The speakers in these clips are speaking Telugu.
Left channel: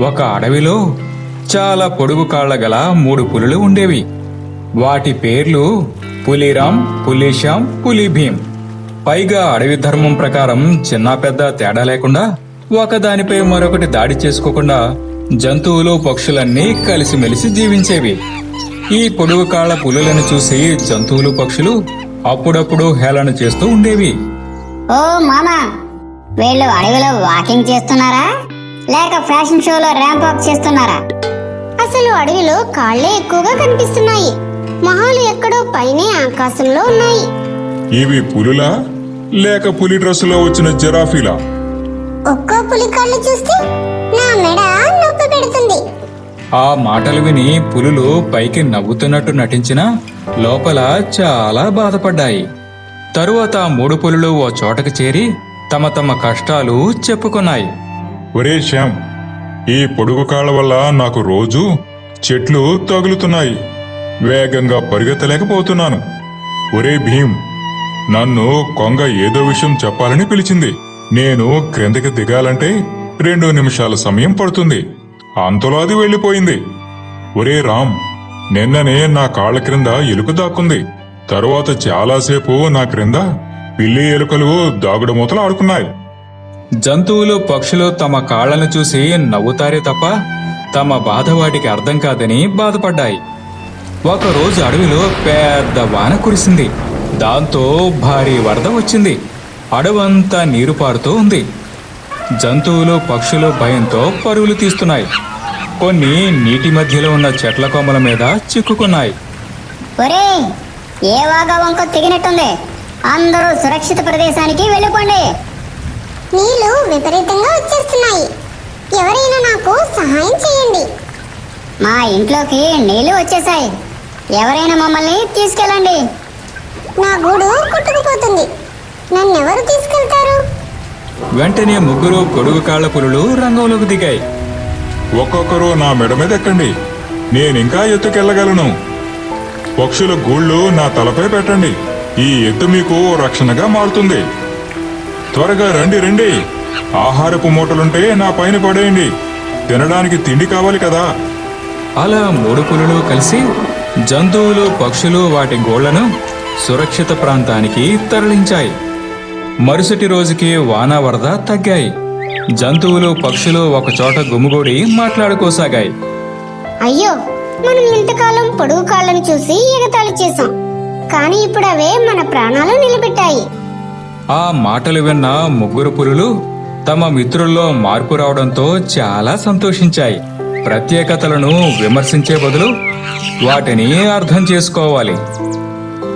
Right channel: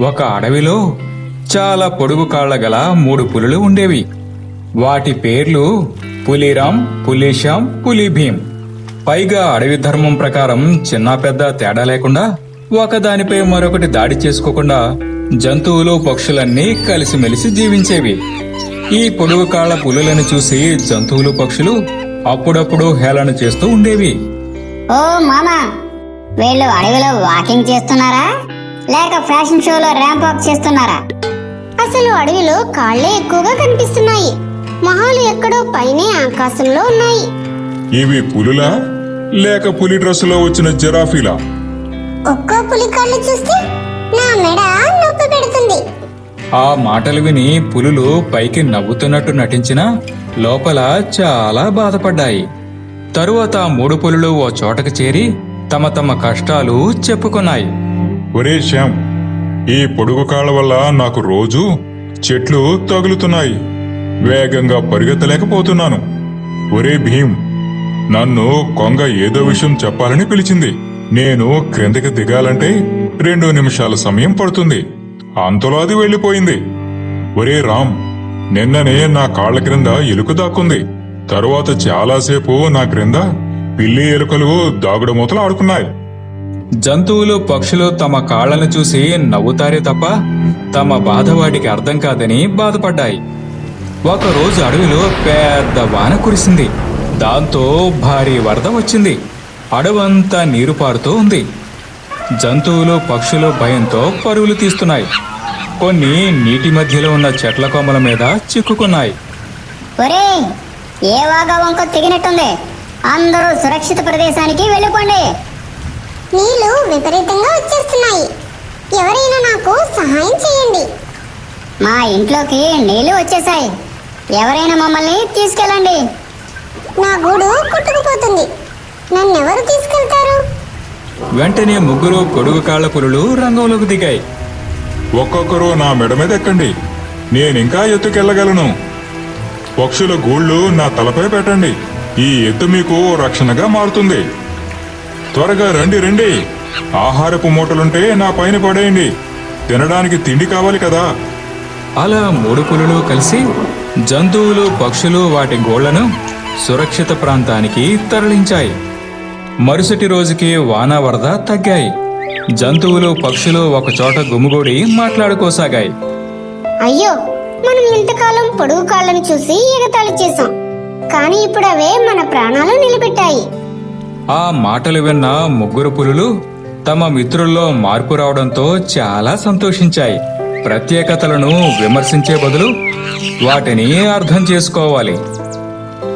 ఒక అడవిలో చాలా పొడుగు కాళ్ళ గల మూడు పులులు ఉండేవి. వాటి పేర్లు పులిరామ్ పులిశాం పులిభీం పైగా అడవి ధర్మం ప్రకారం చిన్న పెద్ద తేడా లేకుండా ఒకదానిపై మరొకటి దాడి చేసుకోకుండా జంతువులు పక్షులన్నీ కలిసిమెలిసి జీవించేవి. ఈ పొడుగు కాళ్ళ పులులను చూసి జంతువులు పక్షులు అప్పుడప్పుడు హేళన చేస్తూ ఉండేవి. ఓ మామా వీళ్ళు అడవిలో వాకింగ్ చేస్తున్నారా? లేక ఫ్యాషన్ షోలో ర్యాంప్ వాక్ చేస్తున్నారా? అసలు అడవిలో కాళ్ళే ఎక్కువగా కనిపిస్తున్నాయి. మొహాలు ఎక్కడో పైనే ఆకాశంలో ఉన్నాయి. ఇవి పులులా? లేక పులి డ్రెస్సులో వచ్చిన జిరాఫీలా? ఒక్కో పులి కాళ్ళు చూస్తే నా మెడ నొప్పి పెడుతుంది. ఆ మాటలు విని పులులు పైకి నవ్వుతున్నట్టు నటించినా లోపల చాలా బాధపడ్డాయి. తరువాత మూడు పులులు ఓ చోటకు చేరి తమ తమ కష్టాలు చెప్పుకున్నాయి. ఒరే శ్యామ్ ఈ పొడుగు కాళ్ళ వల్ల నాకు రోజు చెట్లు తగులుతున్నాయి. వేగంగా పరిగెత్తలేకపోతున్నాను. ఒరే భీమ్ నన్ను కొంగ ఏదో విషయం చెప్పాలని పిలిచింది. నేను క్రిందకి దిగాలంటే రెండు నిమిషాల సమయం పడుతుంది. అంతలో అది వెళ్ళిపోయింది. ఒరే రామ్ నిన్ననే నా కాళ్ళ క్రింద ఎలుక దాక్కుంది. తరువాత చాలాసేపు నా క్రింద పిల్లి ఎలుకలు దాగుడు మూతలు ఆడుకున్నాయి. జంతువులు పక్షులు తమ కాళ్ళను చూసి నవ్వుతారే తప్ప తమ బాధ వాటికి అర్థం కాదని బాధపడ్డాయి. ఒకరోజు అడవిలో పెద్ద వాన కురిసింది. దాంతో భారీ వరద వచ్చింది. అడవంతా నీరు పారుతూ ఉంది. జంతువులు పక్షులు భయంతో పరుగులు తీస్తున్నాయి. కొన్ని నీటి మధ్యలో ఉన్న చెట్ల కొమ్మల మీద చిక్కుకున్నాయి. ఏ తెగినట్టుంది. అందరూ సురక్షిత ప్రదేశానికి వెళ్ళిపోండి. నీళ్ళు విపరీతంగా వచ్చేస్తున్నాయి. ఎవరైనా నాకు సహాయం చేయండి. మా ఇంట్లోకి నీళ్ళు వచ్చేసాయి. ఎవరైనా మమ్మల్ని తీసుకెళ్ళండి. నా గూడు కొట్టుకుపోతుంది. నన్నెవరు తీసుకెళ్తారు? వెంటనే ముగ్గురు కొడుగు కాళ్ళ పులులు రంగంలోకి దిగాయి. ఒక్కొక్కరు నా మెడ మీద ఎక్కండి. నేనింకా ఎత్తుకెళ్ళగలను. పక్షుల గూళ్ళు నా తలపై పెట్టండి. ఈ ఎత్తు మీకు రక్షణగా మారుతుంది. త్వరగా రండి రండి. ఆహారపు మూటలుంటే నా పైన పడేయండి. తినడానికి తిండి కావాలి కదా. అలా మూడు పులులు కలిసి జంతువులు పక్షులు వాటి గోళ్ళను సురక్షిత ప్రాంతానికి తరలించాయి. మరుసటి రోజుకి వాన వరద తగ్గాయి. జంతువులు పక్షులు ఒకచోట గుమిగూడి మాట్లాడుకోసాగాయి. అయ్యో మనం ఇంతకాలం పొడుగు కాళ్ళని చూసి ఎగతాళి చేశాం. కానీ ఇప్పుడు అవే మన ప్రాణాలు నిలబెట్టాయి. ఆ మాటలు విన్న ముగ్గురు పులులు తమ మిత్రుల్లో మార్పు రావడంతో చాలా సంతోషించాయి. ప్రత్యేకతలను విమర్శించే బదులు వాటిని అర్థం చేసుకోవాలి.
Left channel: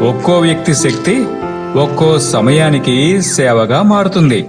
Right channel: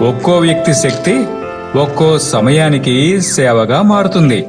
ఒక్కో వ్యక్తి శక్తి ఒక్కో సమయానికి సేవగా మారుతుంది.